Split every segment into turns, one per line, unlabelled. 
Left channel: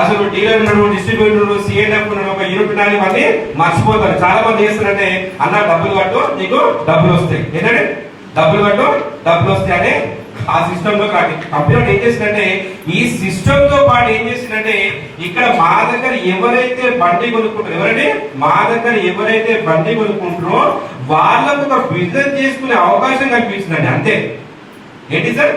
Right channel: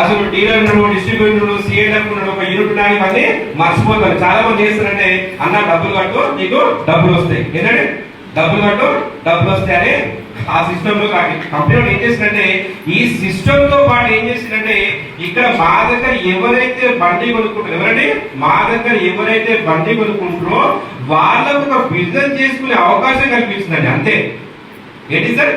అసలు డీలర్ డిస్ట్రిబ్యూటర్లు డిస్ట్రిబ్యూటర్ ఒక యూనిట్ ఉన్నాడు ఇవన్నీ మర్చిపోతారు. చాలా మంది చేస్తారంటే అన్న డబ్బులు కట్టు నీకు డబ్బులు వస్తాయి. ఏంటంటే డబ్బులు కట్టు డబ్బులు వస్తాయి అని ఆ సిస్టమ్లో కాదు. కంపెనీ ఏం చేసిందంటే ఈ సిస్టమ్తో పాటు ఏం చేసిందంటే ఇక్కడ మా దగ్గర ఎవరైతే బండి కొనుక్కుంటారు ఎవరంటే మా దగ్గర ఎవరైతే బండి కొనుక్కుంటారో వాళ్ళకు ఒక బిజినెస్ చేసుకునే అవకాశం కల్పిస్తుందండి. అంతే. ఏంటి సార్?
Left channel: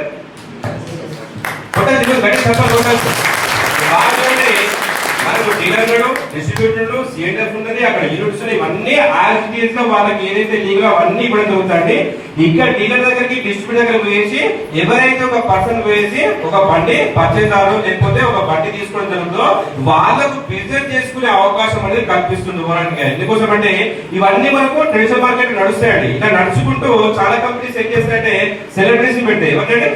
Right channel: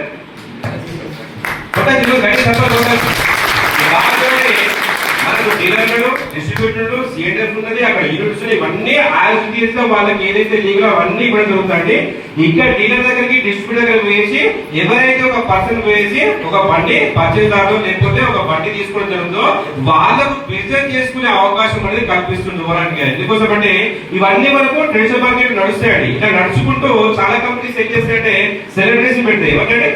మనకు డిస్ట్రిబ్యూటర్లు సిఎంఎఫ్ ఉన్నది అక్కడ యూనిట్స్ ఇవన్నీ ఆర్సిటీఎస్లో వాళ్ళకి ఏదైతే లీగల్ అవన్నీ కూడా జరుగుతాయండి ఇక్కడ డీలర్ దగ్గరికి డిస్ట్రిబ్యూటర్ దగ్గర వేసి ఎవరైతే ఒక పర్సన్ వేసి ఒక బండి పర్చేదారు లేకపోతే ఒక బండి తీసుకోవడం జరుగుతుందో వాళ్ళకు బిజినెస్ చేసుకునే అవకాశం అనేది కల్పిస్తుంది ఓరానికి ఎందుకోసం అంటే ఇవన్నీ మనకు ట్రెడిషనల్ మార్కెట్ నడుస్తాయండి. ఇలా నడుచుకుంటూ చాలా కంపెనీస్ ఏం చేస్తాయంటే సెలబ్రిటీస్ పెడతాయి. ఏమంటే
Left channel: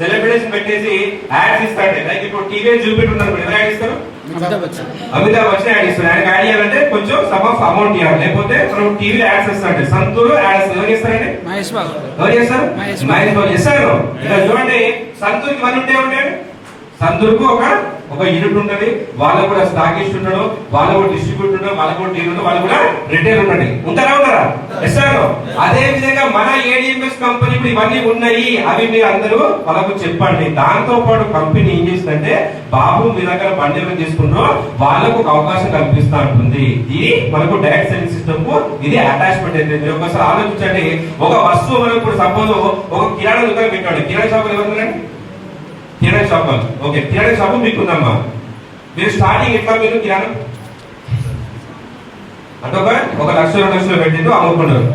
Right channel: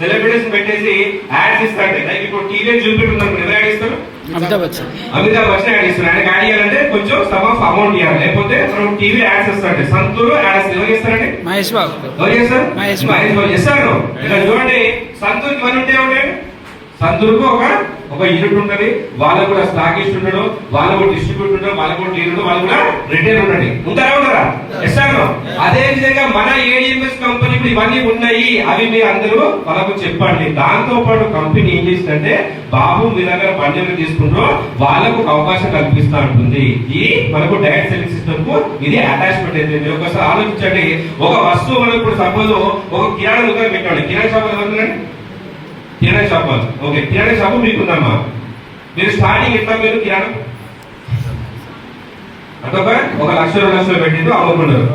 సెలబ్రిటీస్ పెట్టేసి యాడ్స్ ఇస్తాడు లైక్ ఇప్పుడు టీవీ చూపెట్టి ఉన్నప్పుడు ఎవరు యాడ్ ఇస్తారు
అమితాబ్ బచ్చన్.
అమితాబ్ బచ్చన్ యాడ్ ఇస్తారు ఆయనకి యాడ్ చేయాలంటే కొంచెం సమ్ ఆఫ్ అమౌంట్ ఇవ్వాలి. లేకపోతే మనం టీవీ యాడ్స్ ఇస్తాడు సంతూరు యాడ్స్ ఎవరు చేస్తారండి?
మహేష్ బాబు.
ఎవరు చేస్తారు?
మహేష్ బాబు.
చేస్తారు. ఇక్కడ చూడండి. సంతూర్కి మనీ ఉంటే ఉంటాయి సంతూర్కు ఒక ఒక యూనిట్ ఉంటది. వాళ్ళకు కూడా స్టాకిస్ట్ ఉంటాడు. వాళ్ళు కూడా డిస్ట్రిబ్యూటర్ ఉంటాడు వాళ్ళకు కూడా డీలర్ వాళ్ళు కూడా రిటైల్ ఉండండి ఉంటారా ఉంటారా అదే విధంగా మన ఏడిఎంఎస్ కంపెనీ ఇప్పుడు ఇవన్నీ ఉన్నాయి. అవి మీరు అందరూ వాళ్ళకు చెప్పండి. దాంతో పాటు కంపెనీ ఏం చేసిందంటే బాబు మీ దగ్గర బండి తీసుకుంటూ వాళ్ళకు ఒక అవకాశం కల్పిస్తా ఉంటుంది. ఇది మనకు డైరెక్ట్ సెల్లింగ్ సిస్టమ్కు ఇది అటాచ్మెంట్ అయితే. మీరు ఒకసారి ఆలోచించండి. ఒక వస్తువు మనకు ఇప్పుడు సపోజ్ ఒక కిరాణా దుకాణం పెట్టండి. కిరాణా షాప్ ఎవరు kirana shop okay kirana shop మీకుందమ్మా. మీరు స్టార్టింగ్ ఎట్లా మీరు కిరాణం? అంటే ఒక ఒక లక్ష రెండు లక్షలు పెట్టిందో అమ్ముకున్నారు